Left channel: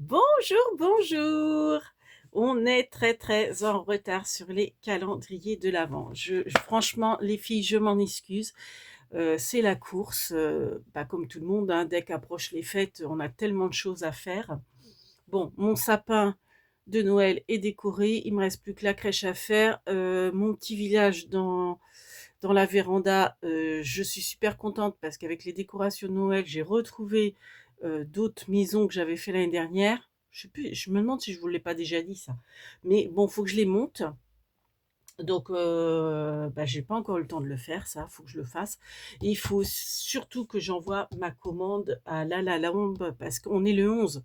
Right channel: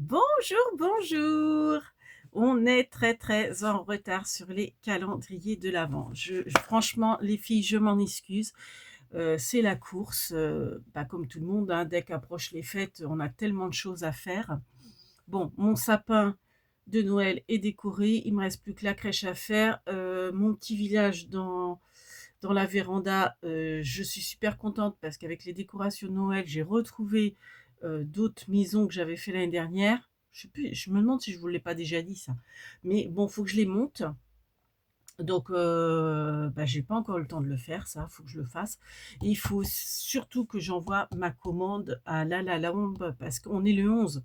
Bonjour, bonjour. On est très en retard sur les calendriers de l'Avent. Franchement, les filles, je m'en excuse. C'est la course, pas comme tout le monde, hein. Dès qu'approchent les fêtes, on a tellement de choses à faire. Bon, mon sapin de Noël est décoré. Il me reste plus que la crèche à faire. Mon petit village dans la véranda, je suis super contente parce qu'avec les décorations de Noël, j'ai retrouvé d'autres maisons que j'avais fait l'année dernière. Je sais plus, je me demande si je vous l'ai pas déjà dit ça. Mais bon, faut que je les monte. Donc, bah, j'ai pas encore eu le temps de le faire, ça, faut que je le fasse. Et il faut surtout que j'envoie ma commande à La Lambe parce qu'on est le 11.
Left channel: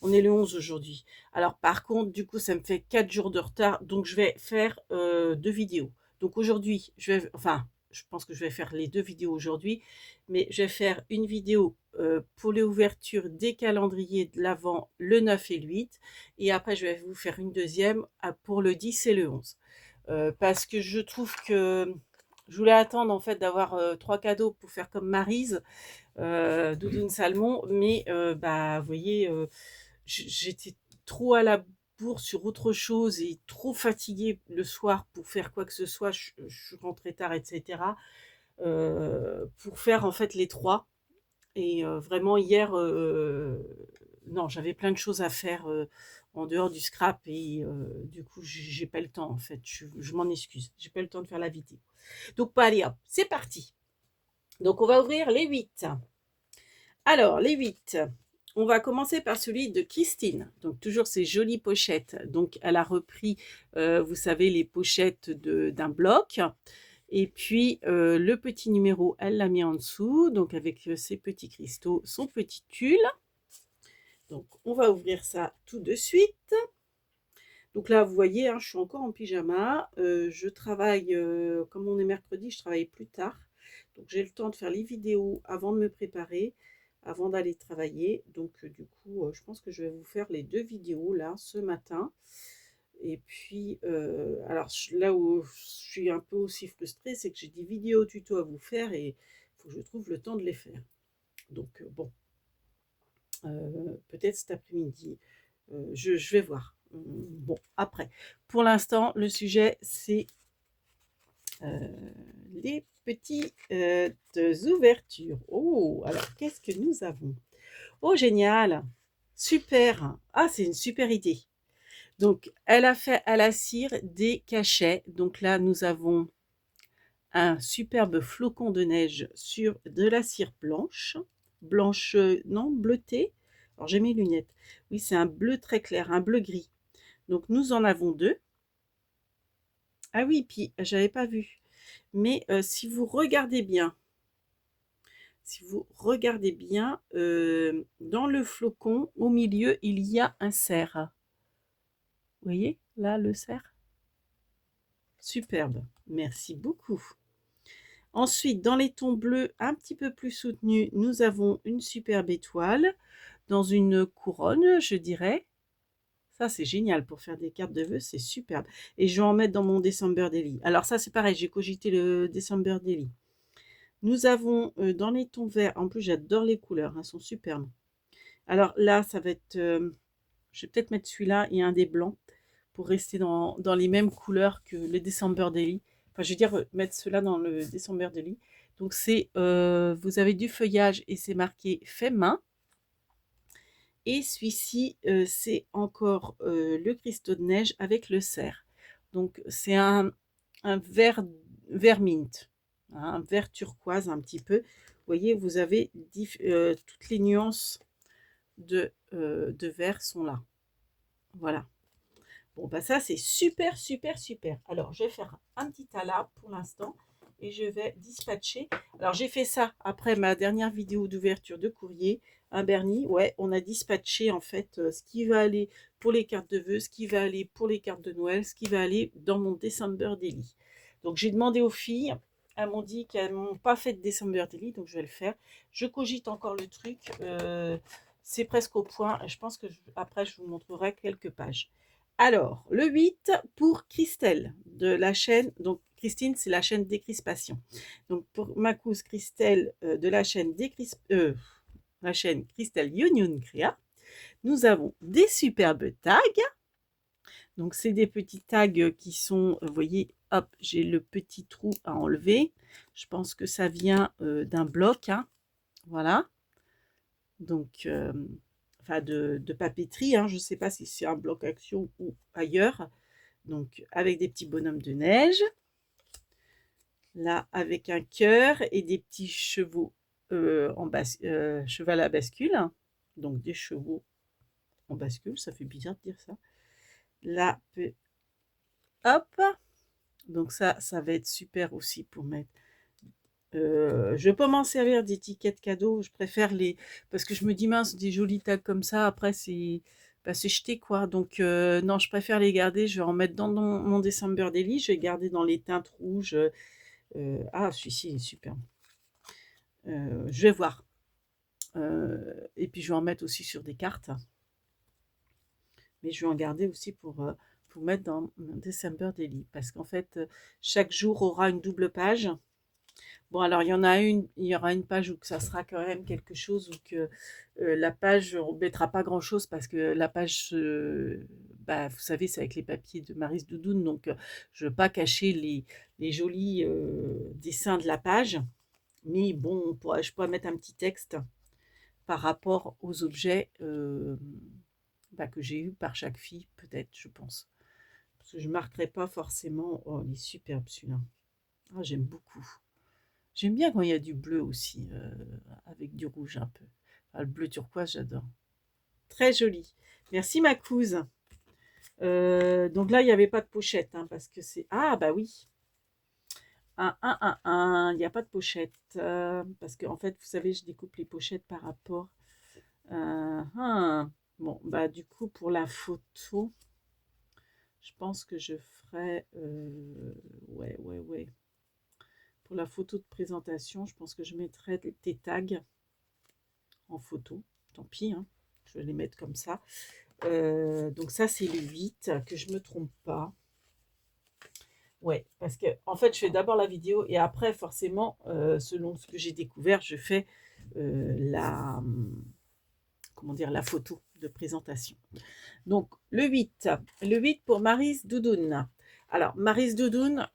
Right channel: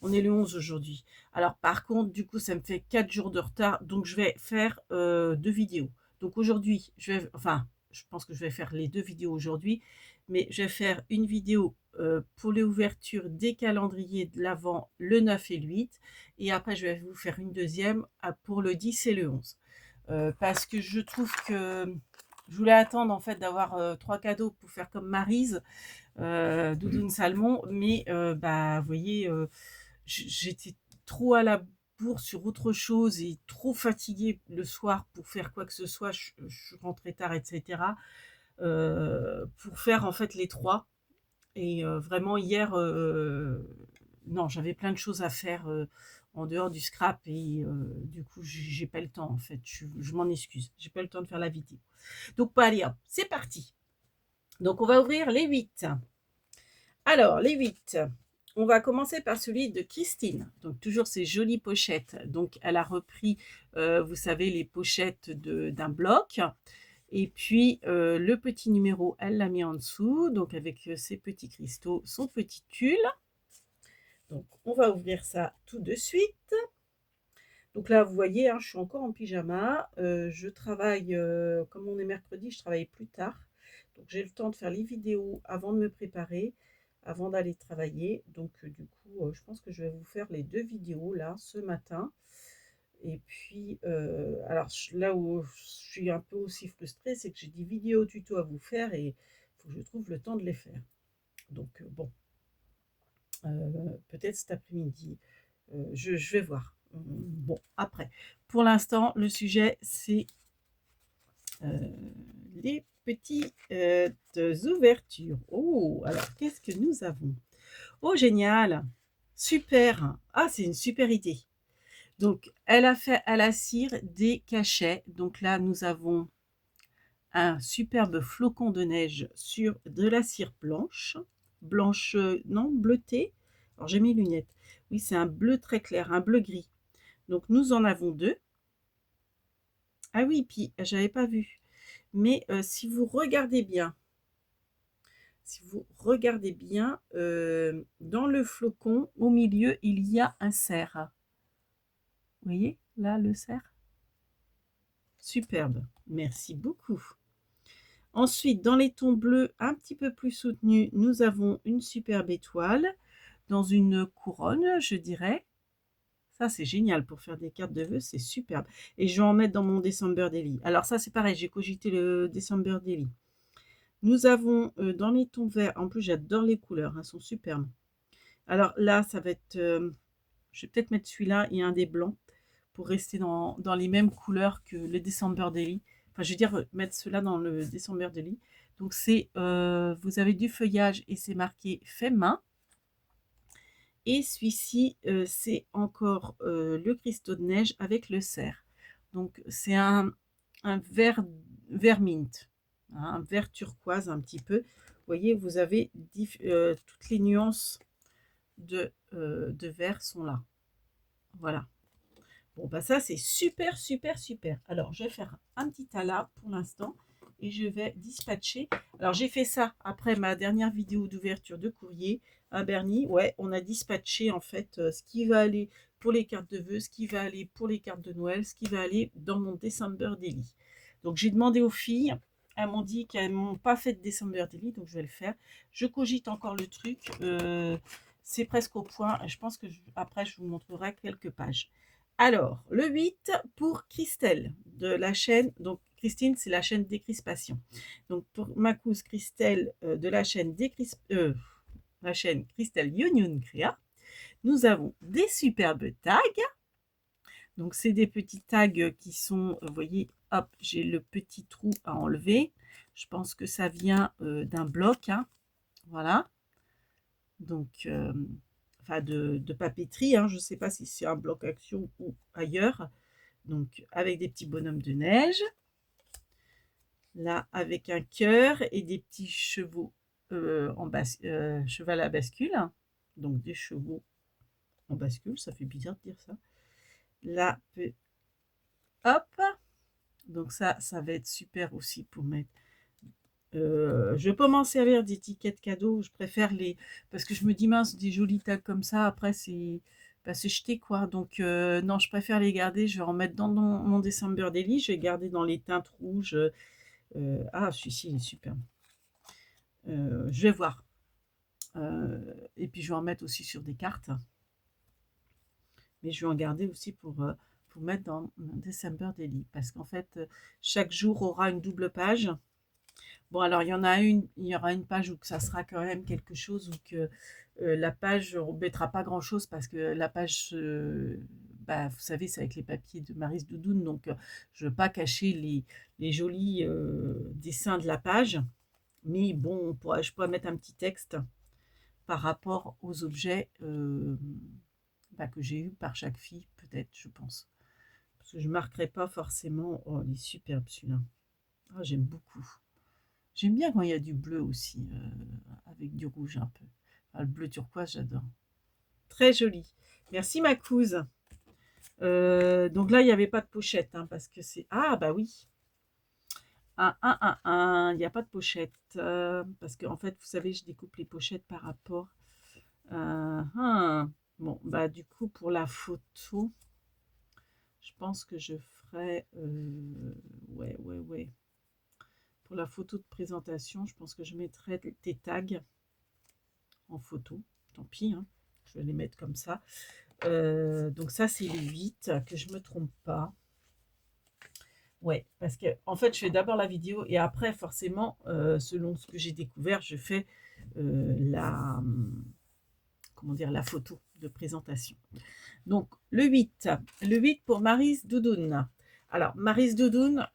On est le 11 aujourd'hui. Alors, par contre, du coup, ça me fait 4 jours de retard. Donc, je vais faire 2 vidéos. Donc, aujourd'hui, je pense que je vais faire les 2 vidéos aujourd'hui. Mais je vais faire une vidéo pour l'ouverture des calendriers de l'Avent le 9 et le 8. Et après, je vais vous faire une deuxième pour le 10 et le 11. Parce que je trouve que je voulais attendre en fait d'avoir 3 cadeaux pour faire comme Maryse, Doudoune Salmon, mais bah, vous voyez, j'étais trop à la bourre sur autre chose et trop fatiguée le soir pour faire quoi que ce soit. Je rentrais tard, etc. Pour faire en fait les trois. Et vraiment hier, non, j'avais plein de choses à faire en dehors du scrap et du coup, j'ai pas le temps en fait. Je m'en excuse. J'ai pas le temps de faire la vidéo. Donc, bah, allez hop, c'est parti. Donc, on va ouvrir les 8. Alors, les 8. On va commencer par celui de Christine. Donc, toujours ces jolies pochettes. Donc, elle a repris, vous savez, les pochettes d'un bloc. Et puis, le petit numéro, elle l'a mis en dessous. Donc, avec ses petits cristaux, son petit tulle. Donc, on va ouvrir ça tout de suite. Donc là, vous voyez, hein, je suis encore en pyjama. Je travaille, comme on est mercredi, je travaille plus tard. Donc, j'ai le temps de faire les vidéos avant de me préparer, avant d'aller travailler. Donc, du coup, je pense que je vais vous faire les 2 vidéos là, ce matin. Et puis, alors là où je suis un peu aussi frustrée, c'est que j'ai des vidéos tuto à vous faire et il faut que je trouve le temps de les faire. Donc, bon, peut-être cet après-midi. Je vais voir. Bon, après. Pour l'instant, le sujet, c'est les petites ouvertures. Oh, alors, qu'est-ce que nous avons? Oh, génial! Super! Ah, c'est une super idée. Donc, elle a fait à la cire des cachets. Donc là, nous avons un superbe flocon de neige sur de la cire blanche. Blanche, non, bleutée. Alors, j'ai mes lunettes. Oui, c'est un bleu très clair, un bleu gris. Donc, nous en avons deux. Ah oui, puis j'avais pas vu. Mais si vous regardez bien, dans le flocon, au milieu, il y a un cerf. Vous voyez, là, le cerf. Superbe. Merci beaucoup. Ensuite, dans les tons bleus un petit peu plus soutenus, nous avons une superbe étoile dans une couronne, je dirais. Ça, c'est génial pour faire des cartes de vœux, c'est superbe. Et je vais en mettre dans mon December Daily. Alors ça, c'est pareil, j'ai cogité le December Daily. Nous avons dans les tons verts, en plus j'adore les couleurs, elles sont superbes. Alors là, ça va être, je vais peut-être mettre celui-là et un des blancs pour rester dans les mêmes couleurs que le December Daily. Enfin, je veux dire, mettre cela dans le December Daily. Donc c'est, vous avez du feuillage et c'est marqué fait main. Et celui-ci, c'est encore le cristaux de neige avec le cerf. Donc c'est un vert mint, hein, un vert turquoise un petit peu. Vous voyez, vous avez toutes les nuances de vert sont là. Voilà. Bon, bah ça, c'est super, super, super. Alors, je vais faire un petit talas pour l'instant et je vais dispatcher. Alors, j'ai fait ça après ma dernière vidéo d'ouverture de courrier à Bernie. Ouais, on a dispatché en fait ce qui va aller pour les cartes de vœux, ce qui va aller pour les cartes de Noël, ce qui va aller dans mon December Daily. Donc, j'ai demandé aux filles. Elles m'ont dit qu'elles m'ont pas fait de December Daily, donc je vais le faire. Je cogite encore le truc. C'est presque au point. Je pense que après, je vous montrerai quelques pages. Alors, le 8 pour Christelle de la chaîne, donc Christine, c'est la chaîne Décrispation. Donc, pour ma cousine Christelle de la chaîne Christelle Youn Créa. nous avons des superbes tags. Donc, c'est des petits tags qui sont, vous voyez, hop, j'ai le petit trou à enlever. Je pense que ça vient d'un bloc, hein, voilà. Donc, enfin de papeterie, hein, je ne sais pas si c'est un bloc action ou ailleurs. Donc, avec des petits bonhommes de neige. Là, avec un cœur et des petits chevaux cheval à bascule. Donc, des chevaux en bascule, ça fait bizarre de dire ça. Là, hop. Donc ça va être super aussi pour mettre. Je ne vais pas m'en servir d'étiquettes cadeaux. Je préfère les... Parce que je me dis, mince, des jolis tags comme ça, après, c'est jeté, quoi. Donc, non, je préfère les garder. Je vais en mettre dans mon December Daily. Je vais garder dans les teintes rouges. Ah, celui-ci, il est super. Je vais voir. Et puis, je vais en mettre aussi sur des cartes. Mais je vais en garder aussi pour mettre dans mon December Daily. Parce qu'en fait, chaque jour aura une double page. Bon, alors il y aura une page où ça sera quand même quelque chose où que la page, on ne mettra pas grand-chose parce que la page, bah, vous savez, c'est avec les papiers de Maryse Doudoune, donc je ne veux pas cacher les jolis dessins de la page. Mais bon, je pourrais mettre un petit texte par rapport aux objets bah, que j'ai eu par chaque fille, peut-être, je pense. Parce que je ne marquerai pas forcément. Oh, il est superbe celui-là. Ah, j'aime beaucoup. J'aime bien quand il y a du bleu aussi, avec du rouge un peu. Enfin, le bleu turquoise, j'adore. Très joli. Merci ma couse. Donc là, il n'y avait pas de pochette, hein, parce que c'est... Ah, bah oui. Il n'y a pas de pochette. Parce que, en fait, vous savez, je découpe les pochettes par rapport... Bon, bah du coup, pour la photo, je pense que je ferai... ouais. Pour la photo de présentation, je pense que je mettrai des tags en photo. Tant pis, hein, je vais les mettre comme ça. Donc ça, c'est les 8, que je ne me trompe pas. Ouais, parce que en fait, je fais d'abord la vidéo et après, forcément, selon ce que j'ai découvert, je fais comment dire, la photo de présentation. Donc, le 8 pour Maryse Doudoune. Alors, Maryse Doudoune,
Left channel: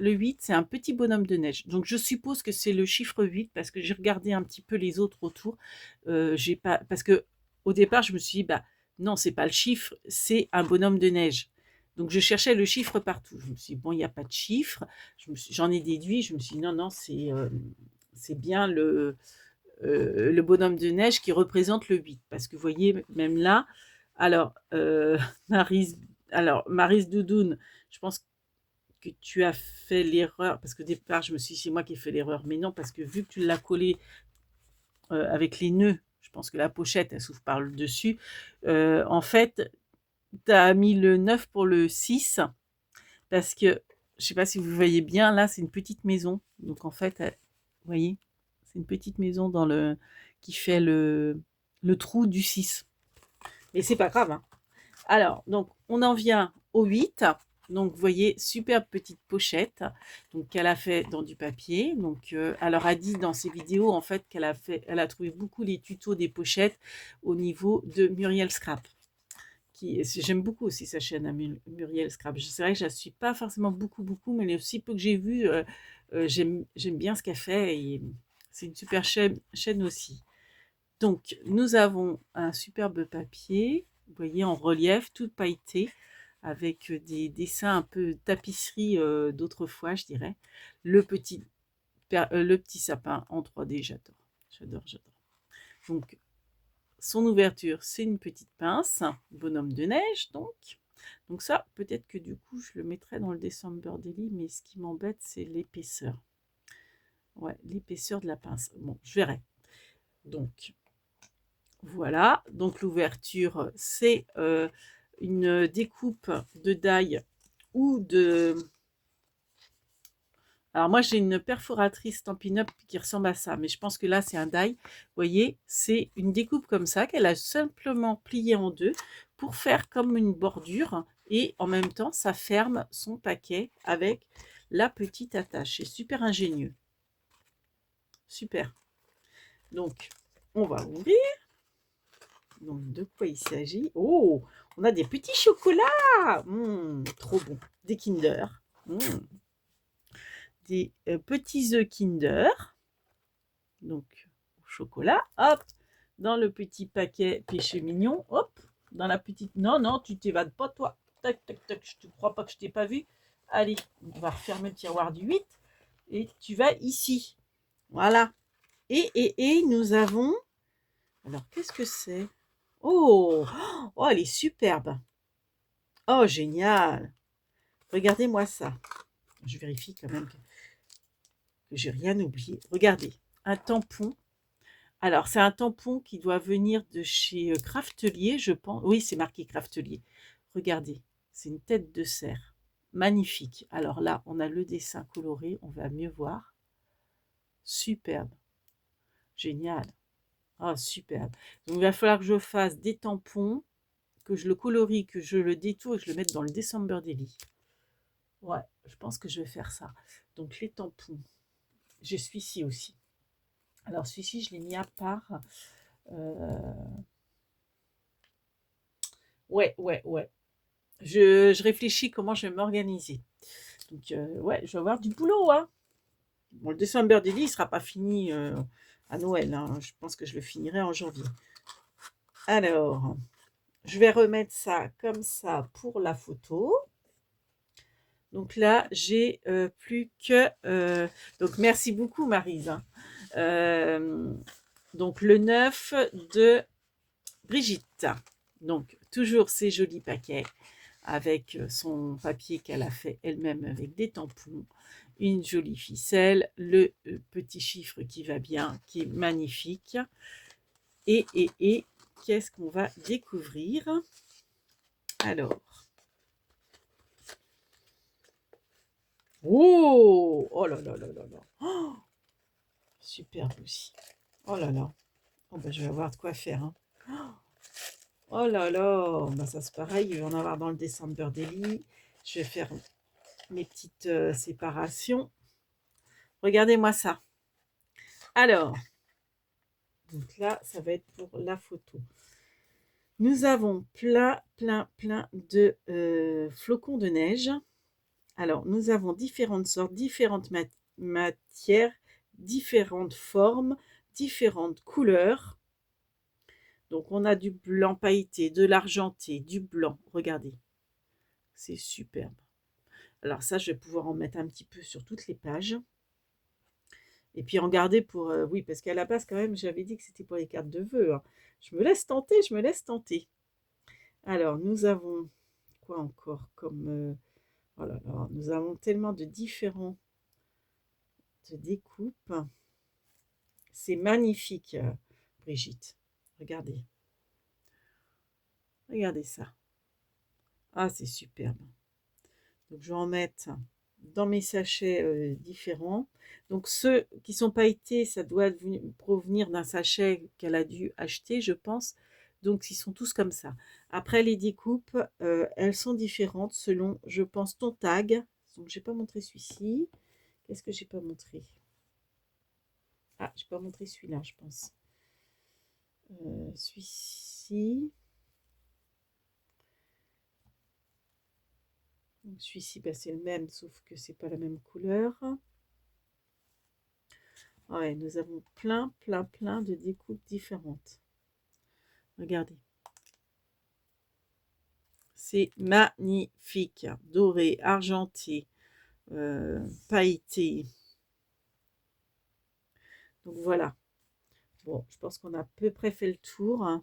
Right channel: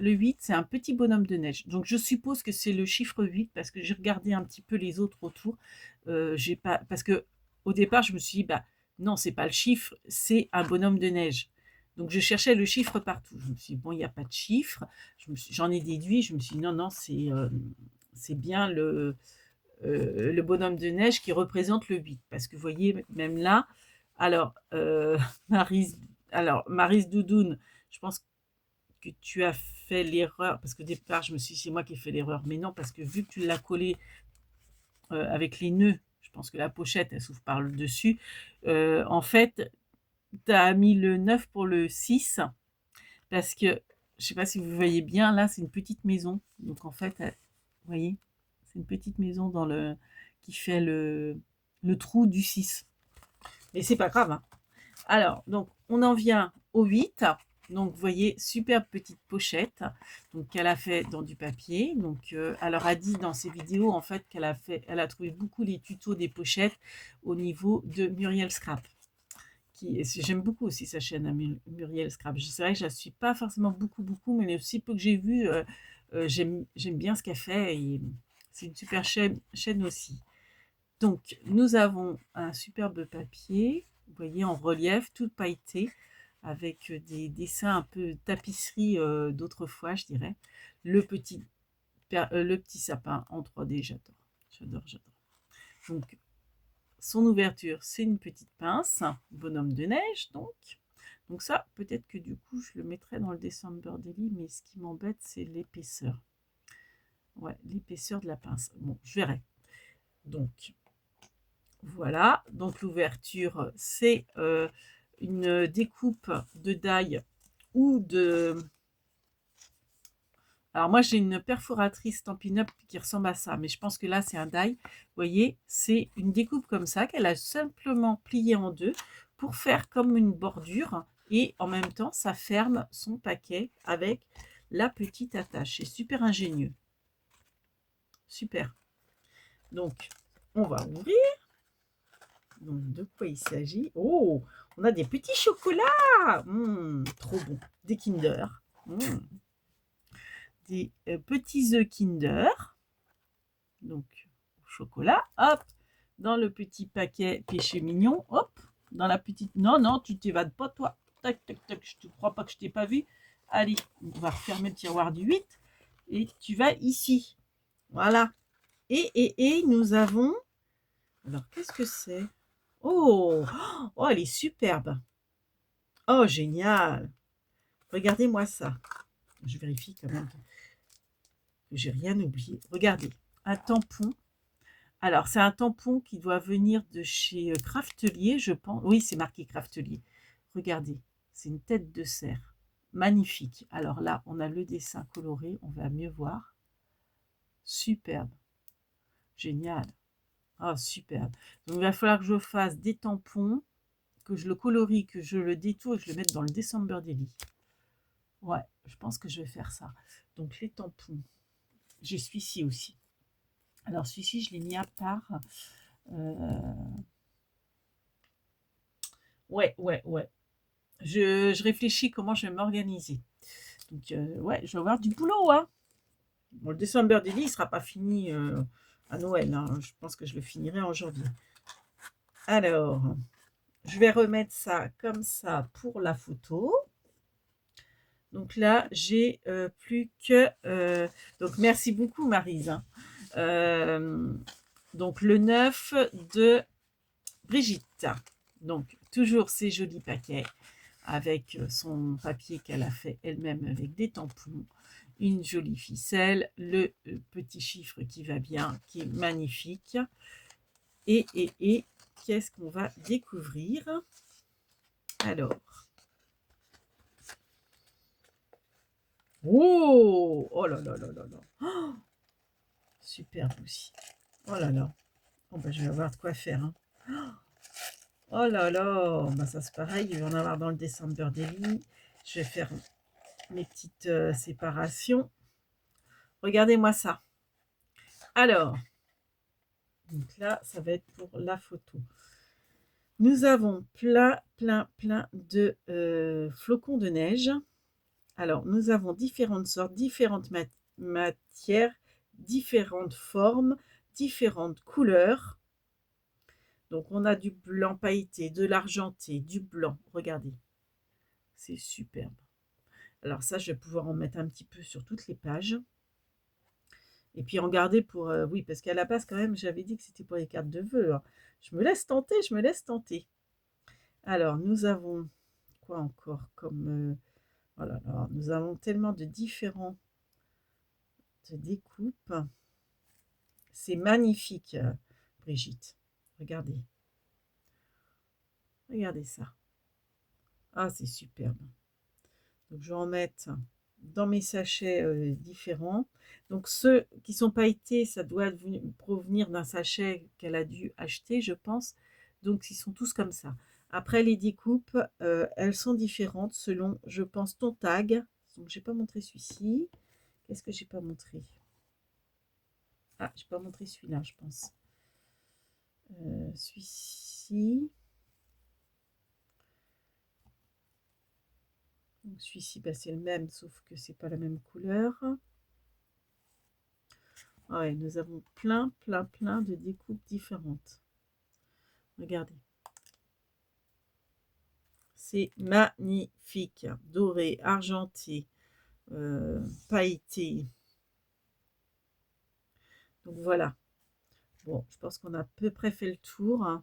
le 8, c'est un petit bonhomme de neige. Donc, je suppose que c'est le chiffre 8 parce que j'ai regardé un petit peu les autres autour. Parce que au départ, je me suis dit, bah non, c'est pas le chiffre, c'est un bonhomme de neige. Donc, je cherchais le chiffre partout. Je me suis dit, bon, il n'y a pas de chiffre. J'en ai déduit. Je me suis dit, non, c'est bien le bonhomme de neige qui représente le 8. Parce que vous voyez, même là, alors, Maryse, Maryse Doudoune, je pense que tu as fait l'erreur, parce qu'au départ, je me suis dit, c'est moi qui ai fait l'erreur, mais non, parce que vu que tu l'as collé avec les nœuds, je pense que la pochette, elle s'ouvre par le dessus, en fait, tu as mis le 9 pour le 6, parce que, je ne sais pas si vous voyez bien, là, c'est une petite maison, donc en fait, vous voyez, c'est une petite maison qui fait le trou du 6. Mais c'est pas grave, hein. Alors, donc, on en vient au 8. Donc, vous voyez, superbe petite pochette donc qu'elle a fait dans du papier. Donc, elle leur a dit dans ses vidéos, en fait, elle a trouvé beaucoup les tutos des pochettes au niveau de Muriel Scrap. J'aime beaucoup aussi sa chaîne à Muriel Scrap. C'est vrai que je ne la suis pas forcément beaucoup, mais les aussi peu que j'ai vu, j'aime bien ce qu'elle fait. Et c'est une super chaîne aussi. Donc, nous avons un superbe papier, vous voyez, en relief, tout pailleté, avec des dessins un peu tapisserie d'autrefois, je dirais. Le petit sapin en 3D, j'adore. Donc, son ouverture, c'est une petite pince, bonhomme de neige, donc. Donc ça, peut-être que du coup, je le mettrai dans le December Daily, mais ce qui m'embête, c'est l'épaisseur. Ouais, l'épaisseur de la pince. Bon, je verrai. Donc, voilà, donc l'ouverture, c'est une découpe de die ou de... Alors moi, j'ai une perforatrice Stampin' Up qui ressemble à ça, mais je pense que là, c'est un die. Vous voyez, c'est une découpe comme ça qu'elle a simplement pliée en deux pour faire comme une bordure et en même temps, ça ferme son paquet avec la petite attache. C'est super ingénieux. Super. Donc, on va ouvrir. Donc, de quoi il s'agit? Oh, on a des petits chocolats. Trop bon. Des Kinder. Mmh. Des petits œufs Kinder. Donc, au chocolat. Hop, dans le petit paquet péché mignon. Hop, dans la petite... Non, non, tu t'évades pas, toi. Tac, tac, tac. Je ne crois pas que je t'ai pas vu. Allez, on va refermer le tiroir du 8. Et tu vas ici. Voilà. Et nous avons... Alors, qu'est-ce que c'est? Oh, oh, elle est superbe. Oh, génial. Regardez-moi ça. Je vérifie quand même que j'ai rien oublié. Regardez, un tampon. Alors, c'est un tampon qui doit venir de chez Craftelier, je pense. Oui, c'est marqué Craftelier. Regardez, c'est une tête de cerf. Magnifique. Alors là, on a le dessin coloré, on va mieux voir. Superbe. Génial. Ah, superbe. Donc, il va falloir que je fasse des tampons, que je le colorie, que je le détourne et que je le mette dans le December Daily. Ouais, je pense que je vais faire ça. Donc, les tampons. J'ai celui-ci aussi. Alors, celui-ci, je l'ai mis à part. Ouais, ouais, ouais. Je réfléchis comment je vais m'organiser. Donc, ouais, je vais avoir du boulot, hein. Bon, le December Daily, il ne sera pas fini à Noël, hein. Je pense que je le finirai en janvier. Alors, je vais remettre ça comme ça pour la photo. Donc là, j'ai plus que... donc, merci beaucoup, Maryse, hein. Donc, le 9 de Brigitte. Donc, toujours ces jolis paquets avec son papier qu'elle a fait elle-même avec des tampons, une jolie ficelle, le petit chiffre qui va bien, qui est magnifique. Et qu'est-ce qu'on va découvrir? Alors, oh là là là là là, oh, superbe aussi. Oh là là, oh, bah, je vais avoir de quoi faire, hein. Oh là là, bah, ça c'est pareil, il va en avoir dans le December Daily. Je vais faire mes petites séparations. Regardez-moi ça. Alors, donc là, ça va être pour la photo. Nous avons plein de flocons de neige. Alors, nous avons différentes sortes, différentes matières, différentes formes, différentes couleurs. Donc, on a du blanc pailleté, de l'argenté, du blanc. Regardez, c'est superbe. Alors ça, je vais pouvoir en mettre un petit peu sur toutes les pages. Et puis en garder pour... oui, parce qu'à la base, quand même, j'avais dit que c'était pour les cartes de vœux, hein. Je me laisse tenter, je me laisse tenter. Alors, nous avons quoi encore comme... oh là là, nous avons tellement de différentes découpes. C'est magnifique, Brigitte. Regardez. Regardez ça. Ah, c'est superbe. Donc, je vais en mettre dans mes sachets différents. Donc, ceux qui sont pailletés, ça doit provenir d'un sachet qu'elle a dû acheter, je pense. Donc, ils sont tous comme ça. Après, les découpes, elles sont différentes selon, je pense, ton tag. Donc, j'ai pas montré celui-ci. Qu'est-ce que j'ai pas montré? Ah, j'ai pas montré celui-là, je pense. Celui-ci. Donc, celui-ci, bah, c'est le même, sauf que c'est pas la même couleur. Ah ouais, nous avons plein de découpes différentes. Regardez. C'est magnifique. Doré, argenté, pailleté. Donc voilà. Bon, je pense qu'on a à peu près fait le tour, hein.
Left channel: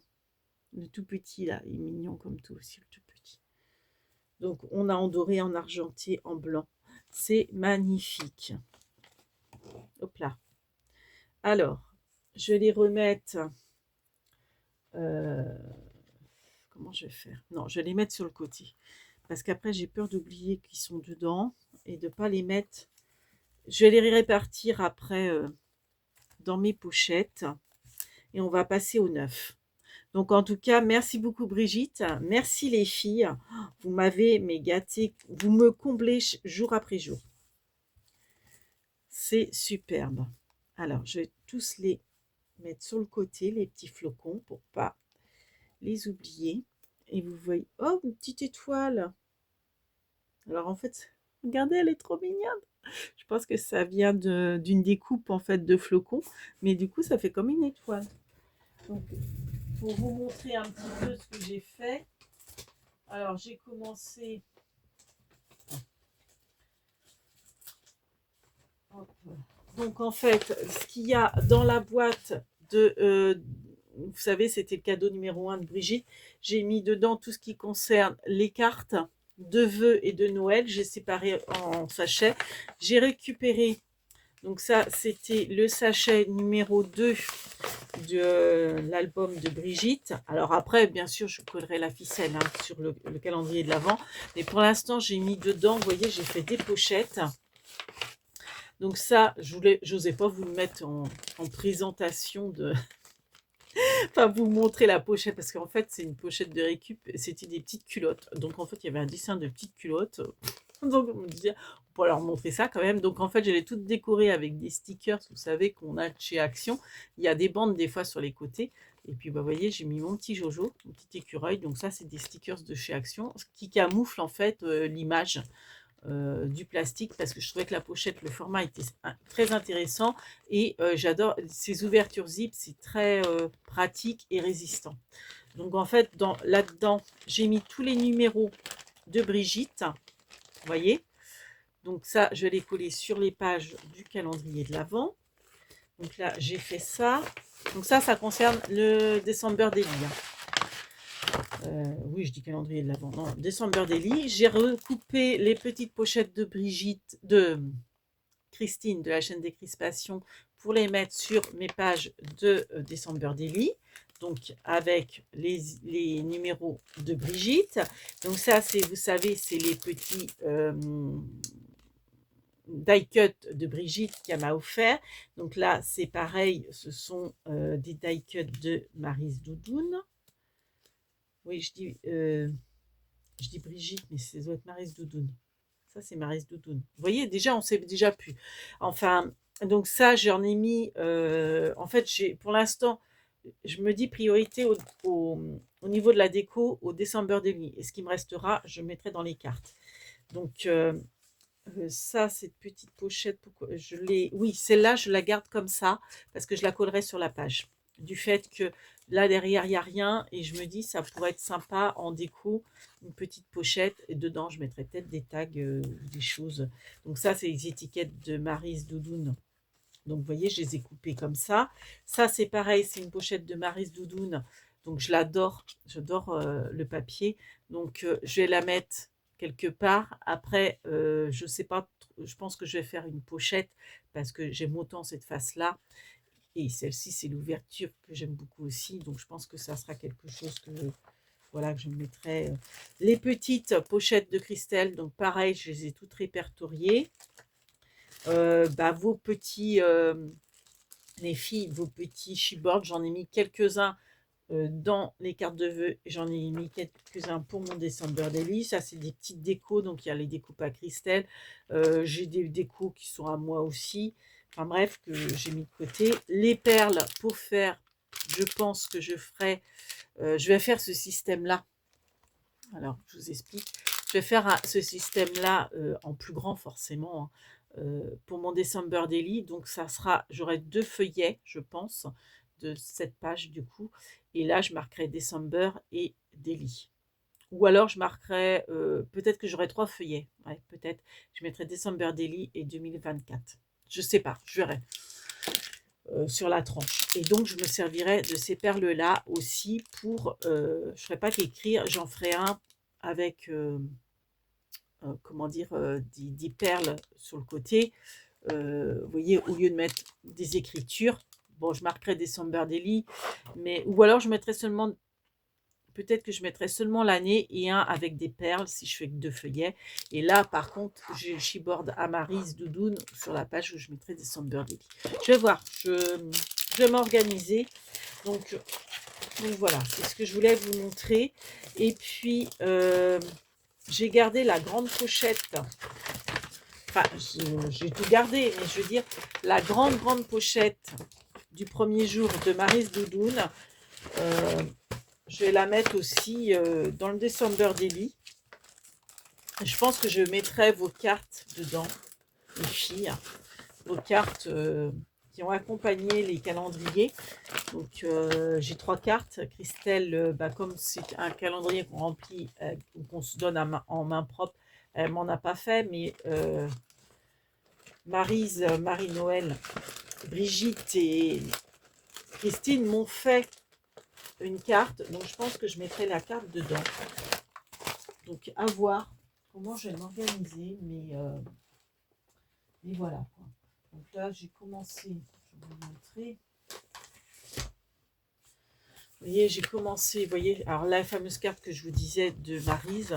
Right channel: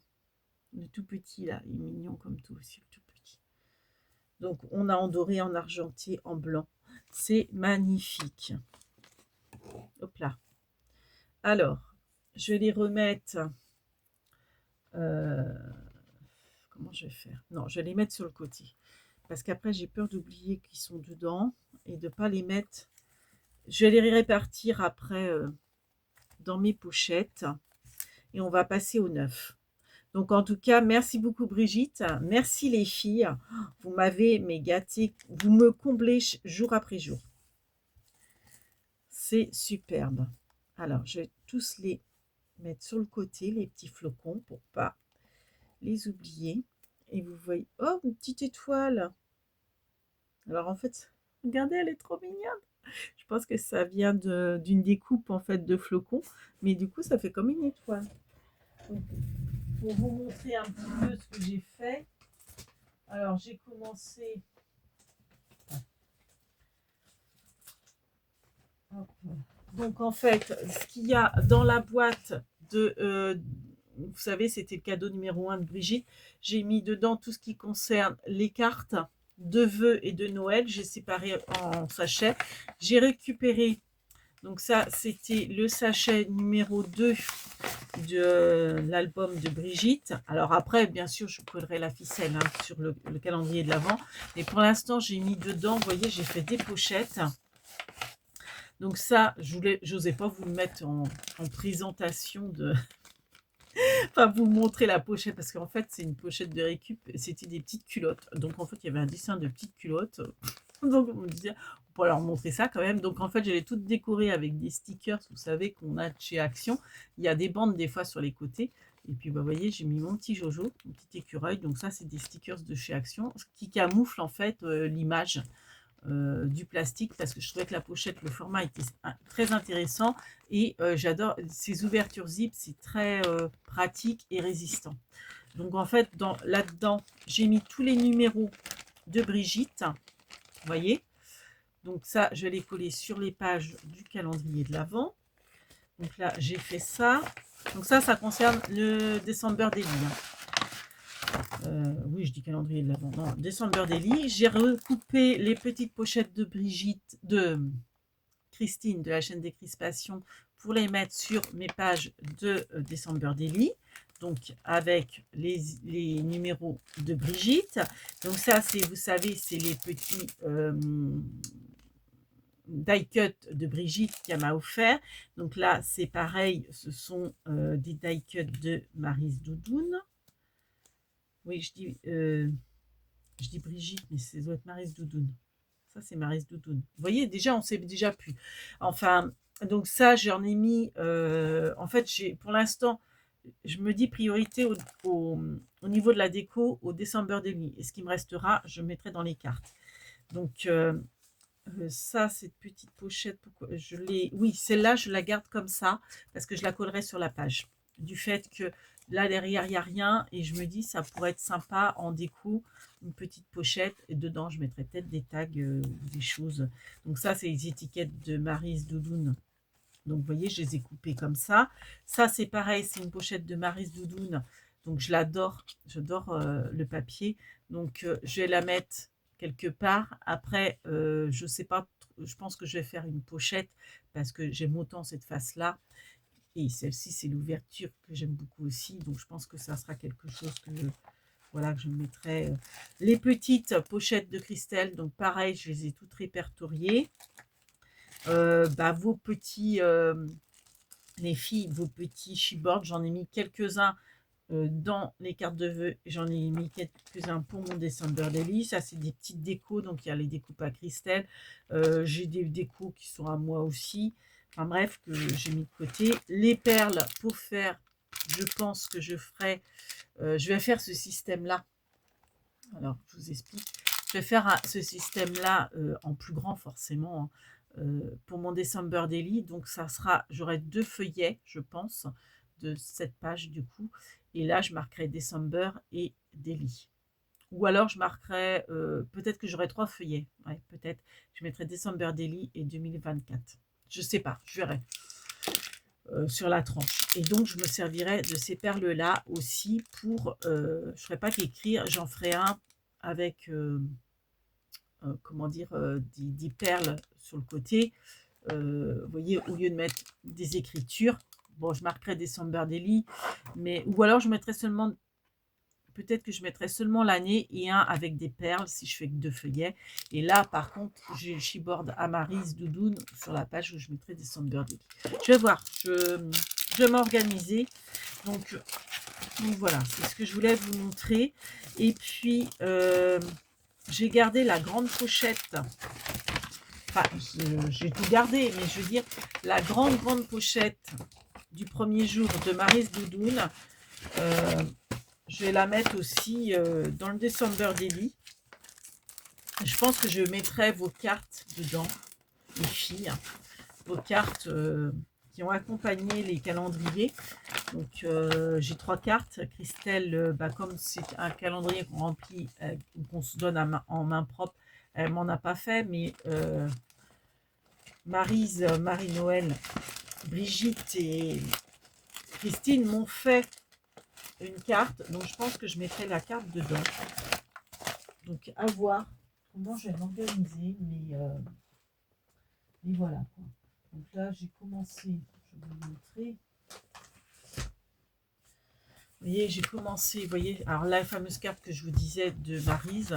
Le tout petit là, il est mignon comme tout aussi, le tout petit. Donc on a en doré, en argenté, en blanc. C'est magnifique. Hop là. Alors, je vais les remettre. Comment je vais faire? Non, je vais les mettre sur le côté. Parce qu'après, j'ai peur d'oublier qu'ils sont dedans et de ne pas les mettre. Je vais les répartir après dans mes pochettes. Et on va passer au neuf. Donc, en tout cas, merci beaucoup Brigitte. Merci les filles. Vous m'avez gâté. Vous me comblez jour après jour. C'est superbe. Alors, je vais tous les mettre sur le côté, les petits flocons, pour pas les oubliés. Et vous voyez, oh, une petite étoile. Alors en fait, regardez, elle est trop mignonne. Je pense que ça vient d'une découpe en fait de flocons, mais du coup ça fait comme une étoile. Donc pour vous montrer un petit peu ce que j'ai fait, alors j'ai commencé. Hop. Donc en fait, ce qu'il y a dans la boîte vous savez, c'était le cadeau numéro 1 de Brigitte. J'ai mis dedans tout ce qui concerne les cartes de vœux et de Noël. J'ai séparé en sachets. J'ai récupéré, donc ça, c'était le sachet numéro 2 de l'album de Brigitte. Alors après, bien sûr, je collerai la ficelle sur le calendrier de l'Avent. Mais pour l'instant, j'ai mis dedans, vous voyez, j'ai fait des pochettes. Donc ça, j'osais pas vous le mettre en présentation de... Enfin, vous montrer la pochette, parce qu'en fait, c'est une pochette de récup, c'était des petites culottes. Donc en fait, il y avait un dessin de petites culottes. Donc on me disait, on pourrait leur montrer ça quand même. Donc en fait, je l'ai toute décorée avec des stickers, vous savez, qu'on a chez Action. Il y a des bandes des fois sur les côtés. Et puis, bah, vous voyez, j'ai mis mon petit Jojo, mon petit écureuil. Donc ça, c'est des stickers de chez Action, ce qui camoufle en fait l'image du plastique, parce que je trouvais que la pochette, le format était très intéressant, et j'adore ces ouvertures zip, c'est très pratique et résistant. Donc en fait, là-dedans, j'ai mis tous les numéros de Brigitte, vous voyez. Donc ça, je l'ai collé sur les pages du calendrier de l'Avent. Donc là, j'ai fait ça. Donc ça concerne le December Daily. Oui, je dis calendrier de l'Avent. Non, December Daily. J'ai recoupé les petites pochettes de Brigitte, de Christine de la chaîne Décrispation, pour les mettre sur mes pages de December Daily. Donc avec les numéros de Brigitte. Donc ça, c'est, vous savez, c'est les petits die cut de Brigitte qu'elle m'a offert. Donc là, c'est pareil, ce sont des die cut de Maryse Doudoune. Oui, je dis Brigitte, mais ça doit être Maryse Doudoune. Ça, c'est Maryse Doudoune. Vous voyez, déjà, on sait déjà plus. Enfin, donc ça, j'en ai mis... en fait, pour l'instant, je me dis priorité au niveau de la déco, au December Daily. Et ce qui me restera, je mettrai dans les cartes. Donc, ça, cette petite pochette, pourquoi je l'ai... Oui, celle-là, je la garde comme ça, parce que je la collerai sur la page. Du fait que là, derrière, il n'y a rien, et je me dis, ça pourrait être sympa en déco, une petite pochette, et dedans, je mettrai peut-être des tags, des choses. Donc ça, c'est les étiquettes de Maryse Doudoune. Donc, vous voyez, je les ai coupées comme ça. Ça, c'est pareil, c'est une pochette de Maryse Doudoune. Donc, je l'adore, j'adore le papier. Donc, je vais la mettre quelque part. Après, je sais pas, je pense que je vais faire une pochette parce que j'aime autant cette face-là. Et celle-ci, c'est l'ouverture que j'aime beaucoup aussi. Donc, je pense que ça sera quelque chose que, voilà, que je mettrai. Les petites pochettes de Christelle, donc pareil, je les ai toutes répertoriées. Vos petits, les filles, vos petits chipboards, j'en ai mis quelques-uns dans les cartes de vœux, j'en ai mis quelques-uns pour mon December Daily. Ça, c'est des petites décos, donc il y a les découpes à Christelle. J'ai des décos qui sont à moi aussi. Enfin bref, que j'ai mis de côté. Les perles pour faire, je pense que je ferai, je vais faire ce système-là. Alors, je vous explique. Je vais faire ce système-là en plus grand forcément, pour mon December Daily. Donc, ça sera, j'aurai 2 feuillets, je pense, de cette page du coup. Et là, je marquerai December et Daily. Ou alors, je marquerai, peut-être que j'aurai 3 feuillets. Ouais, peut-être. Je mettrai December Daily et 2024. Je sais pas, je verrai. Sur la tranche. Et donc, je me servirai de ces perles-là aussi pour... je ne ferai pas qu'écrire, j'en ferai un avec... comment dire, des perles sur le côté. Vous voyez, au lieu de mettre des écritures, bon, je marquerai December Daily, mais ou alors je mettrai seulement, peut-être que je mettrai seulement l'année et un avec des perles si je fais que 2 feuillets. Et là, par contre, j'ai le chipboard à Maryse Doudoune sur la page où je mettrai December Daily. Je vais voir, je vais m'organiser. Donc voilà, c'est ce que je voulais vous montrer. Et puis, j'ai gardé la grande pochette. Enfin, j'ai tout gardé, mais je veux dire, la grande pochette du premier jour de Maryse Doudoune. je vais la mettre aussi dans le December Daily. Je pense que je mettrai vos cartes dedans, les filles, vos cartes qui ont accompagné les calendriers. Donc, j'ai 3 cartes. Christelle, bah, comme c'est un calendrier qu'on remplit, qu'on se donne en main propre, elle m'en a pas fait, mais Maryse, Marie-Noël, Brigitte et Christine m'ont fait une carte. Donc, je pense que je mettrai la carte dedans. Donc, à voir comment je vais m'organiser, mais voilà. Donc là, j'ai commencé, je vais vous montrer. Vous voyez, j'ai commencé, vous voyez, alors la fameuse carte que je vous disais de Maryse,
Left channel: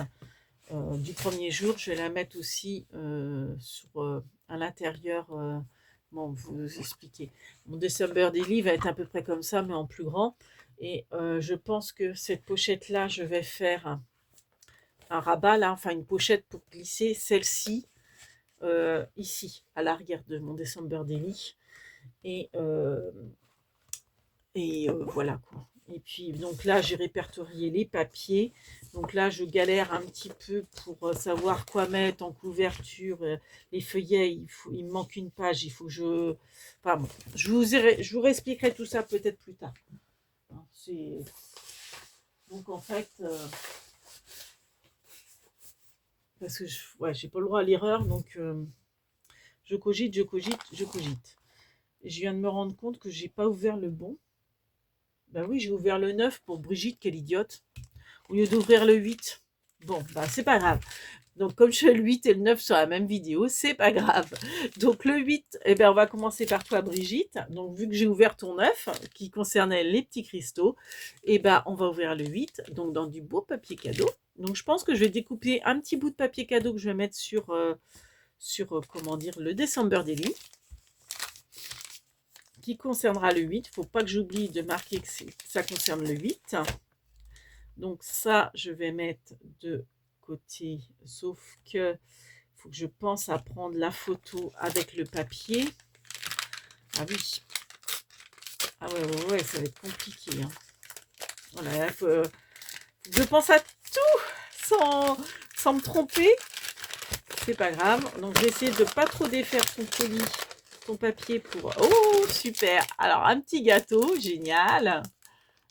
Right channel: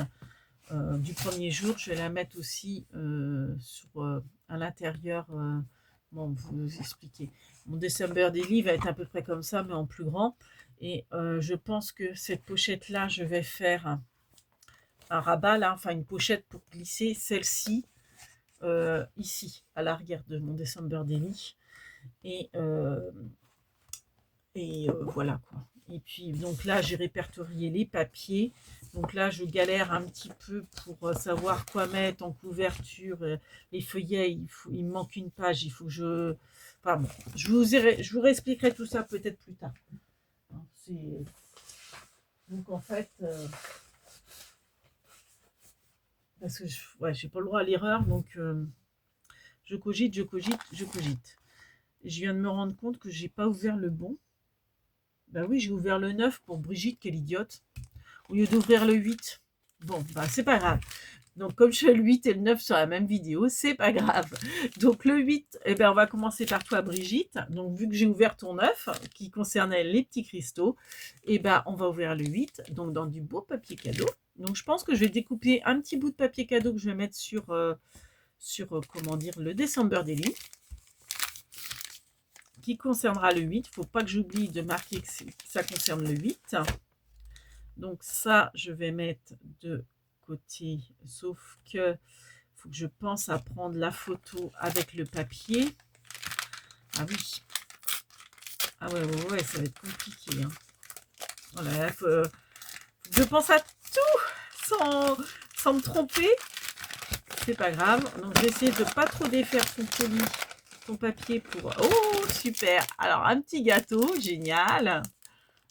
du premier jour, je vais la mettre aussi à l'intérieur, bon, vous expliquer. Mon December Daily va être à peu près comme ça, mais en plus grand. Et je pense que cette pochette-là, je vais faire un rabat, là, enfin une pochette pour glisser celle-ci ici, à l'arrière de mon December Daily. Et voilà quoi. Et puis donc là j'ai répertorié les papiers. Donc là je galère un petit peu pour savoir quoi mettre en couverture. Les feuillets, il me manque une page, il faut que je... Enfin bon, je vous réexpliquerai tout ça peut-être plus tard. Donc en fait, parce que ouais, j'ai pas le droit à l'erreur, donc je cogite, je cogite, je cogite. Je viens de me rendre compte que j'ai pas ouvert le bon. Bah oui, j'ai ouvert le 9 pour Brigitte, quelle idiote. Au lieu d'ouvrir le 8. Bon, bah c'est pas grave. Donc comme je fais le 8 et le 9 sur la même vidéo, c'est pas grave. Donc le 8, eh ben, on va commencer par toi Brigitte. Donc vu que j'ai ouvert ton 9 qui concernait les petits cristaux, eh ben, on va ouvrir le 8, donc dans du beau papier cadeau. Donc je pense que je vais découper un petit bout de papier cadeau que je vais mettre sur, comment dire, le December Daily, qui concernera le 8. Il ne faut pas que j'oublie de marquer que ça concerne le 8. Donc ça, je vais mettre de côté, sauf que faut que je pense à prendre la photo avec le papier. Ah oui. Ah ouais, ça va être compliqué. Hein. Voilà, je pense à tout sans me tromper. C'est pas grave. Donc j'essaie de pas trop défaire son colis, son papier pour... Oh, super. Alors, un petit gâteau, génial.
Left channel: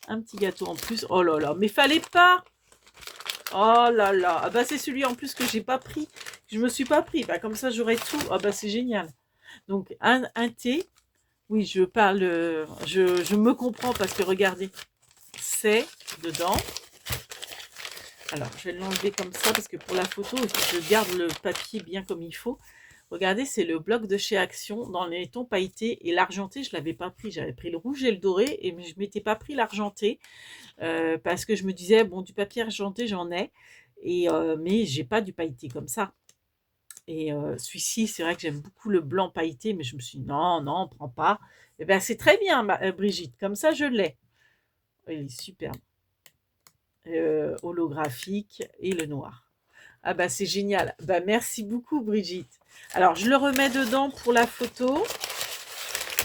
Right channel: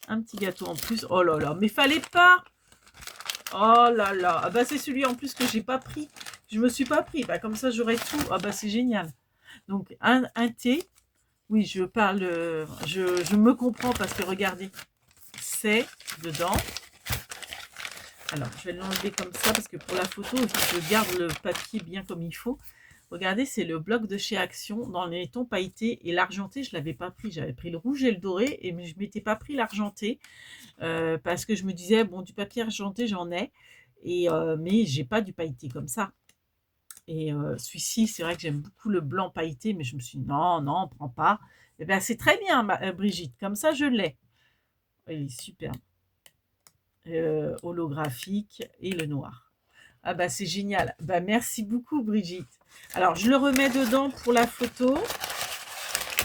Un petit gâteau en plus. Oh là là, mais fallait pas. Oh là là. Ah bah c'est celui en plus que j'ai pas pris. Je me suis pas pris. Bah comme ça j'aurais tout. Ah bah c'est génial. Donc un thé. Oui, je parle. Je me comprends parce que regardez, c'est dedans. Alors je vais l'enlever comme ça parce que pour la photo, il faut que je garde le papier bien comme il faut. Regardez, c'est le bloc de chez Action dans les tons pailletés et l'argenté, je l'avais pas pris. J'avais pris le rouge et le doré et je m'étais pas pris l'argenté. Parce que je me disais, bon, du papier argenté, j'en ai, mais j'ai pas du pailleté comme ça. Et celui-ci, c'est vrai que j'aime beaucoup le blanc pailleté, mais je me suis dit, non, non, on prend pas. Et ben, c'est très bien, Brigitte, comme ça, je l'ai. Il est superbe. Holographique et le noir. Ah bah, c'est génial. Bah, merci beaucoup, Brigitte. Alors, je le remets dedans pour la photo.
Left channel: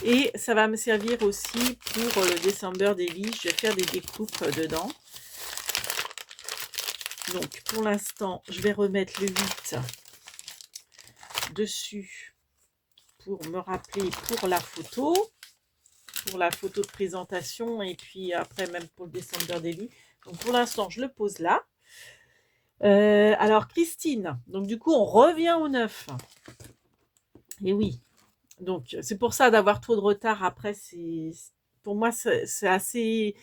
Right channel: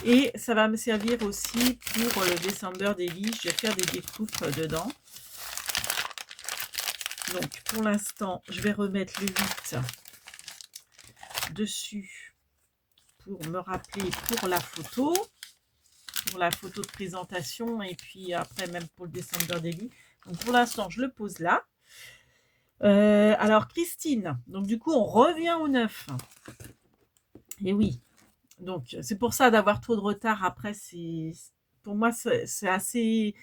Et ça va me servir aussi pour le December Daily. Je vais faire des découpes dedans. Donc, pour l'instant, je vais remettre le 8 dessus pour me rappeler pour la photo de présentation et puis après même pour le December Daily. Donc, pour l'instant, je le pose là. Alors, Christine, donc du coup, on revient au 9. Et oui, donc c'est pour ça d'avoir trop de retard après, pour moi, c'est assez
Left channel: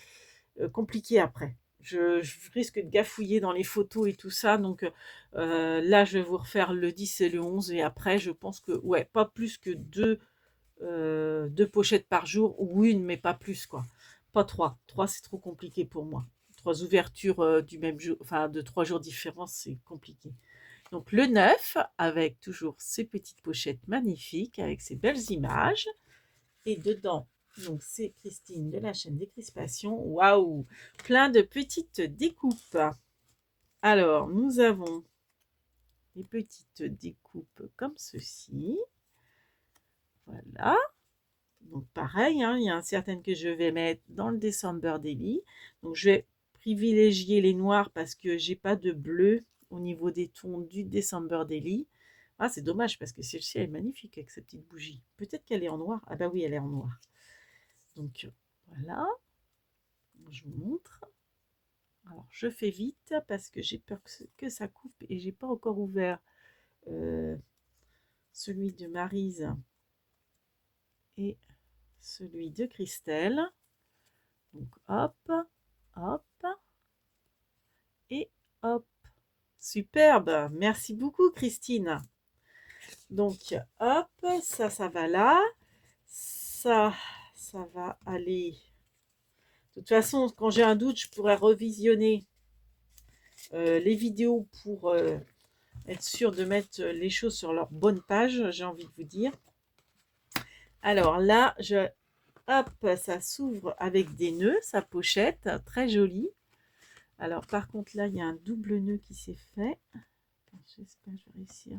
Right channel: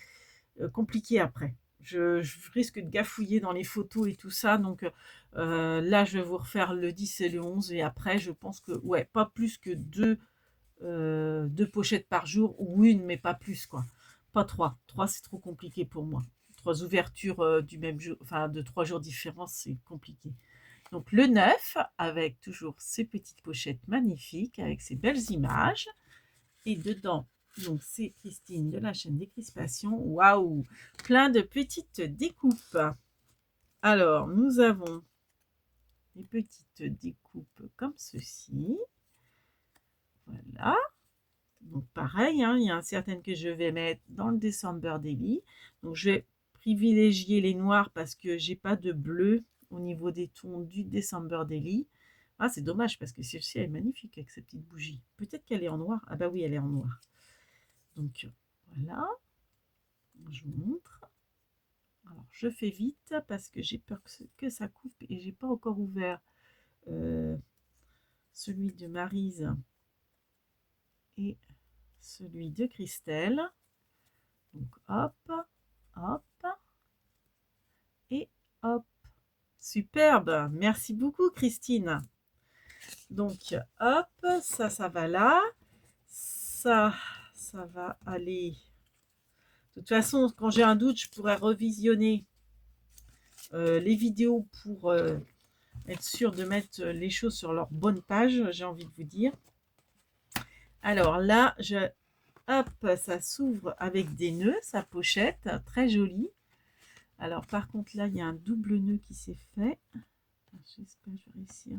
compliqué après. Je risque de gafouiller dans les photos et tout ça. Donc là, je vais vous refaire le 10 et le 11. Et après, je pense que, ouais, pas plus que deux pochettes par jour. Ou une, mais pas plus, quoi. Pas trois. Trois, c'est trop compliqué pour moi. 3 ouvertures du même jour, enfin de 3 jours différents, c'est compliqué. Donc le 9, avec toujours ces petites pochettes magnifiques, avec ces belles images. Et dedans, donc c'est Christine de la chaîne Décrispation. Waouh, plein de petites découpes. Alors, nous avons des petites découpes comme ceci. Voilà. Donc pareil, hein, il y a certaines que je vais mettre dans le December Daily. Donc je vais privilégier les noirs parce que j'ai pas de bleu au niveau des tons du December Daily. Ah, c'est dommage parce que celle-ci elle est magnifique avec sa petite bougie. Peut-être qu'elle est en noir. Ah bah oui, elle est en noir. Donc voilà, je vous montre. Alors je fais vite parce que j'ai peur que ça coupe et j'ai pas encore ouvert celui de Maryse et celui de Christelle. Donc hop, hop et hop. Superbe, merci beaucoup Christine. Donc hop, ça va là. Ça va aller. De toute façon, quand j'ai un doute, je pourrais revisionner les vidéos pour être sûr de mettre les choses sur leur bonne page, j'ai envie de vous dire. Alors là, hop, ça s'ouvre avec des nœuds, sa pochette, très jolie. Alors par contre là, il y a un double nœud qui s'est fait. J'espère que je vais réussir.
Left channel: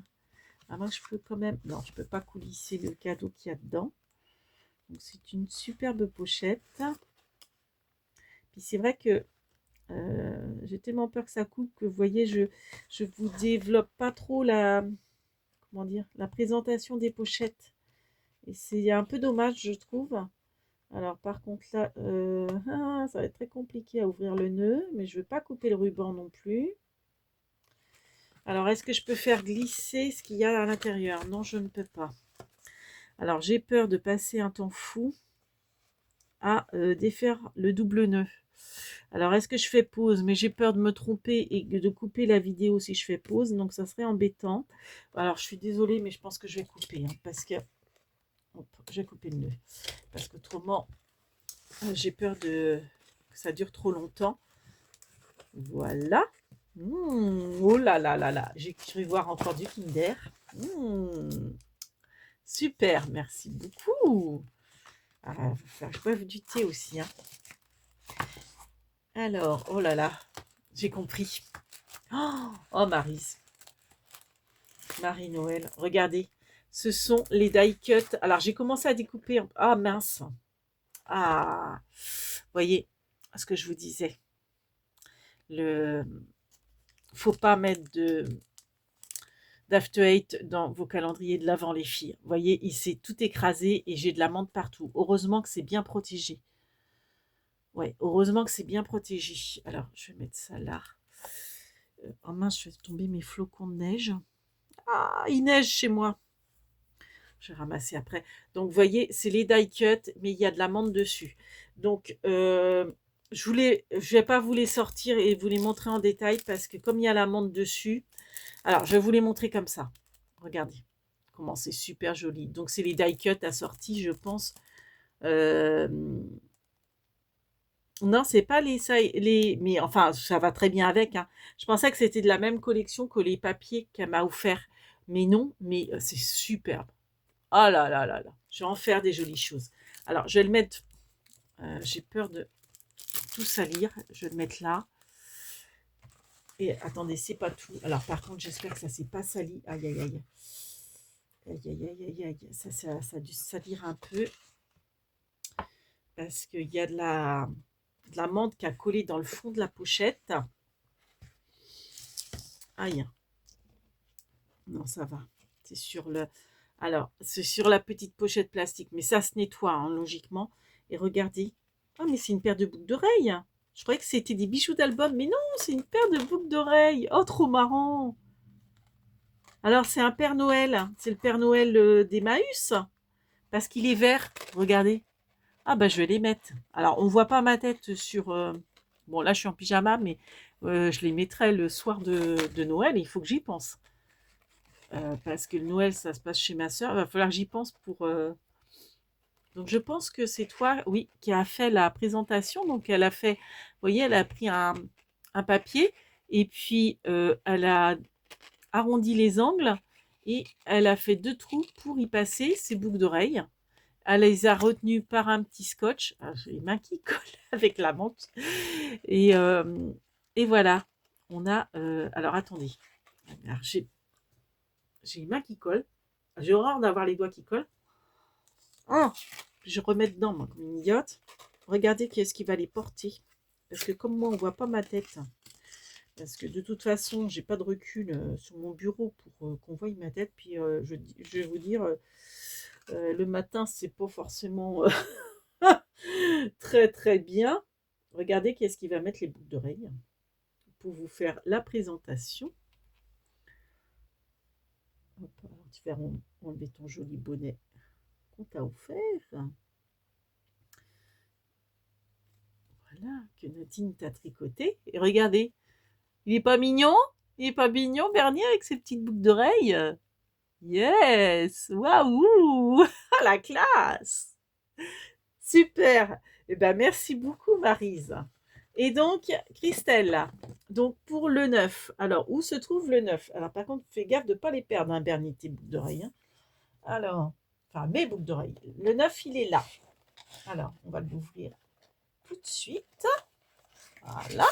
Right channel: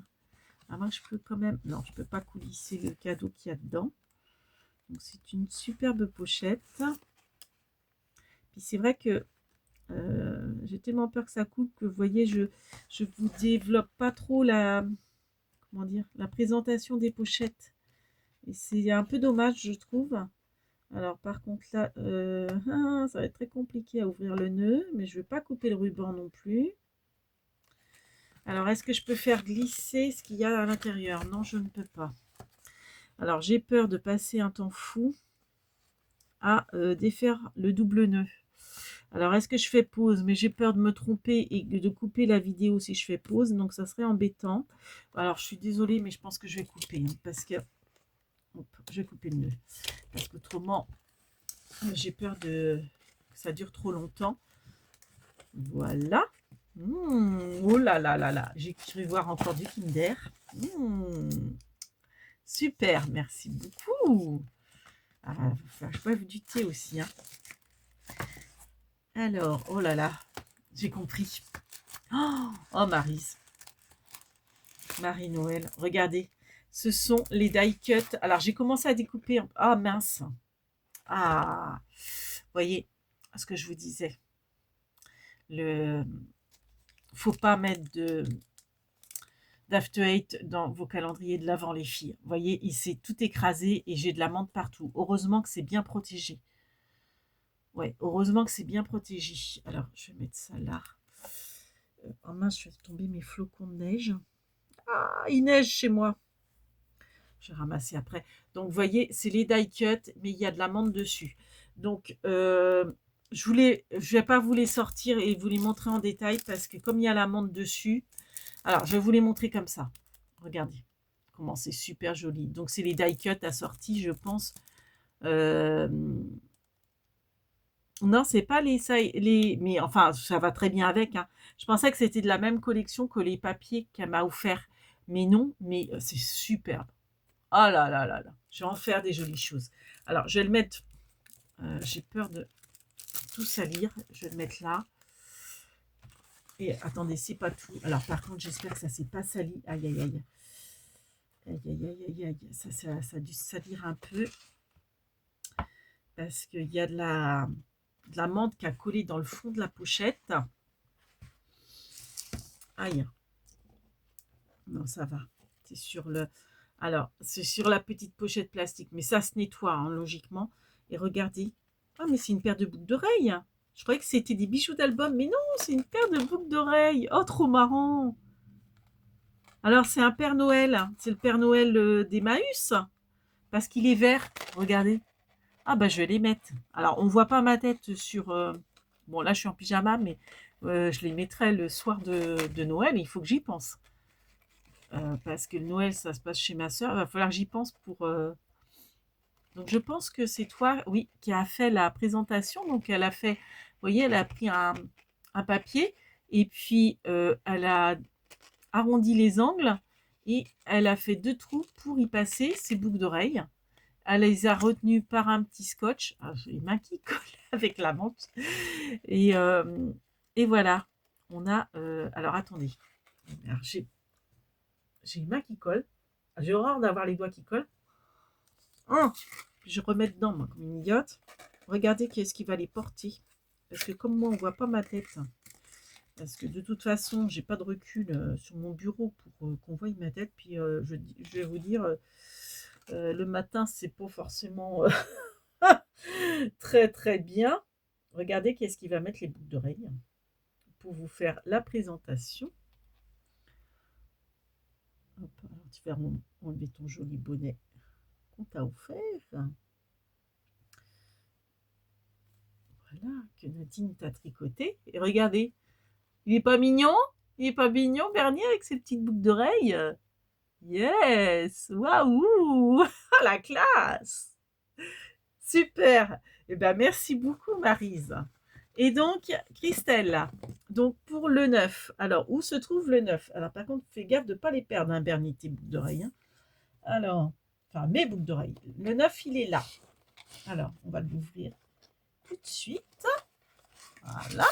Ah, moi, je peux quand même... Non, je ne peux pas coulisser le cadeau qu'il y a dedans. Donc c'est une superbe pochette. Puis c'est vrai que j'ai tellement peur que ça coupe que vous voyez, je vous développe pas trop la... Comment dire? La présentation des pochettes. Et c'est un peu dommage, je trouve. Alors par contre là, ça va être très compliqué à ouvrir le nœud, mais je ne veux pas couper le ruban non plus. Alors est-ce que je peux faire glisser ce qu'il y a à l'intérieur? Non, je ne peux pas. Alors j'ai peur de passer un temps fou à défaire le double nœud. Alors est-ce que je fais pause? Mais j'ai peur de me tromper et de couper la vidéo si je fais pause, donc ça serait embêtant. Alors je suis désolée, mais je pense que je vais couper, hein, parce que... Hop, je vais couper le nœud. Parce qu'autrement, j'ai peur que ça dure trop longtemps. Voilà. Oh là là là là. J'ai cru voir encore du Kinder. Super, merci beaucoup. Ah, je boive du thé aussi. Hein. Alors, oh là là, j'ai compris. Oh, Maryse. Marie-Noël, regardez. Ce sont les die cut. Alors, j'ai commencé à découper. Ah, mince. Ah, vous voyez ce que je vous disais. Faut pas mettre d'After Eight dans vos calendriers de l'avant, les filles. Vous voyez, il s'est tout écrasé et j'ai de la menthe partout. Heureusement que c'est bien protégé. Ouais, heureusement que c'est bien protégé. Alors, je vais mettre ça là. Oh mince, je fais tomber mes flocons de neige. Ah, il neige chez moi. Je vais ramasser après. Donc, vous voyez, c'est les die cut, mais il y a de la menthe dessus. Donc, je vais pas vous les sortir et vous les montrer en détail parce que comme il y a la menthe dessus, alors je vais vous les montrer comme ça. Regardez comment c'est super joli. Donc, c'est les die cut assortis, je pense. Non, c'est pas mais enfin, ça va très bien avec. Hein. Je pensais que c'était de la même collection que les papiers qu'elle m'a offert. Mais non, mais c'est superbe. Oh là là là là. Je vais en faire des jolies choses. Alors, je vais le mettre... j'ai peur de tout salir. Je vais le mettre là. Et attendez, c'est pas tout. Alors, par contre, j'espère que ça s'est pas sali. Aïe, aïe, aïe. Aïe, aïe, aïe, aïe, aïe. Ça a dû salir un peu. Parce qu'il y a de la menthe qui a collé dans le fond de la pochette. Aïe. Non, ça va. C'est sur le... Alors, c'est sur la petite pochette plastique. Mais ça se nettoie, hein, logiquement. Et regardez. Ah, mais c'est une paire de boucles d'oreilles. Je croyais que c'était des bijoux d'album. Mais non, c'est une paire de boucles d'oreilles. Oh, trop marrant. Alors, c'est un Père Noël. C'est le Père Noël d'Emmaüs. Parce qu'il est vert. Regardez. Ah, bah, je vais les mettre. Alors, on ne voit pas ma tête sur... Bon, là, je suis en pyjama, mais je les mettrai le soir de Noël. Il faut que j'y pense. Parce que le Noël, ça se passe chez ma soeur. Il va falloir que j'y pense pour... Donc, je pense que c'est toi, oui, qui a fait la présentation. Donc, elle a fait... Vous voyez, elle a pris un papier et puis elle a arrondi les angles et elle a fait 2 trous pour y passer ses boucles d'oreilles. Elle les a retenues par un petit scotch. Ah, j'ai les mains qui collent avec la menthe. Et voilà. On a... alors, attendez. Alors, j'ai les mains qui collent. J'ai horreur d'avoir les doigts qui collent. Oh, je remets dedans, moi, comme une idiote. Regardez qui est-ce qui va les porter. parce que comme moi, on voit pas ma tête, parce que de toute façon, j'ai pas de recul sur mon bureau pour qu'on voie ma tête. Puis je vais vous dire, le matin, c'est pas forcément très très bien. Regardez qu'est-ce qui va mettre les boucles d'oreilles pour vous faire la présentation. Hop, alors tu vas enlever ton joli bonnet qu'on t'a offert. Voilà, que Nadine t'a tricoté. Et regardez, il est pas mignon? Il est pas mignon, Bernier, avec ses petites boucles d'oreilles? Yes! Waouh! Ah, la classe! Super! Eh ben, merci beaucoup, Maryse. Et donc, Christelle, donc pour le 9, alors où se trouve le 9? Alors par contre, fais gaffe de ne pas les perdre, hein, Bernie, tes boucles d'oreilles. Hein. Alors, enfin mes boucles d'oreilles. Le 9, il est là. Alors, on va l'ouvrir tout de suite. Voilà.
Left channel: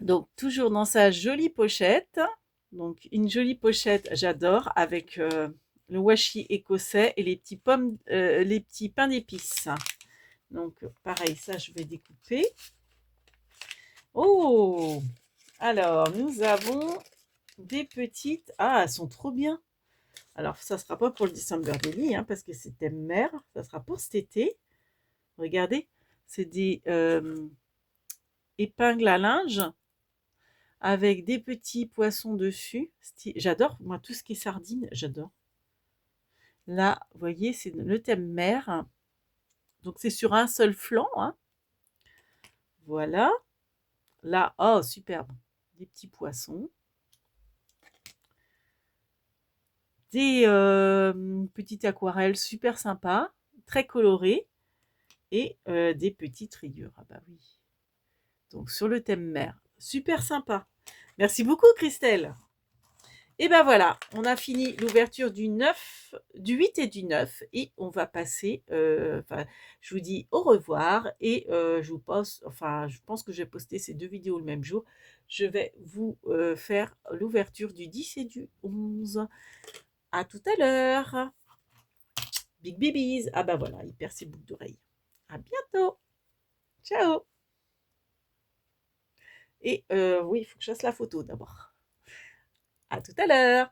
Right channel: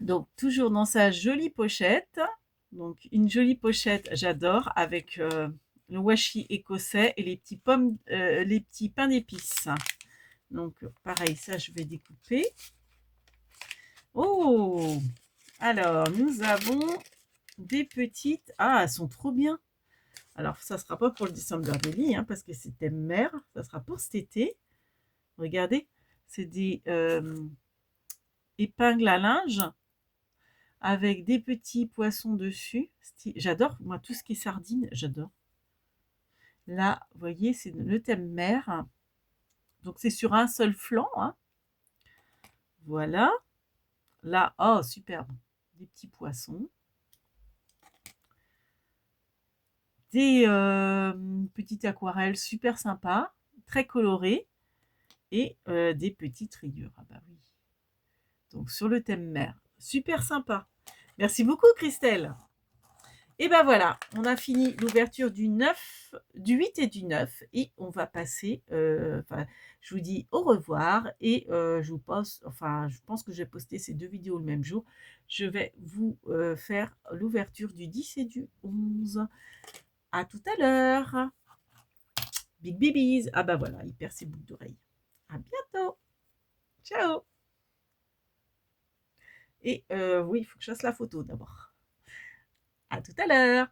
Donc, toujours dans sa jolie pochette. Donc, une jolie pochette, j'adore, avec le washi écossais et les petits les petits pains d'épices. Donc, pareil, ça, je vais découper. Oh! Alors, nous avons des petites... Ah, elles sont trop bien. Alors, ça ne sera pas pour le December Daily, hein, parce que c'est thème mer. Ça sera pour cet été. Regardez, c'est des épingles à linge avec des petits poissons dessus. J'adore, moi, tout ce qui est sardines, j'adore. Là, vous voyez, c'est le thème mer. Donc, c'est sur un seul flanc. Hein. Voilà. Là, oh, superbe. Des petits poissons. Des petites aquarelles super sympas, très colorées. Et des petites rayures. Ah bah oui. Donc, sur le thème mer. Super sympa. Merci beaucoup, Christelle. Et ben voilà, on a fini l'ouverture du 9, du 8 et du 9 et on va passer, je vous dis au revoir et je vous poste, enfin je pense que je vais poster ces deux vidéos le même jour. Je vais vous faire l'ouverture du 10 et du 11. À tout à l'heure. Big babies. Ah bah voilà, il perd ses boucles d'oreilles. À bientôt. Ciao. Et oui, il faut que je fasse la photo d'abord. À tout à l'heure.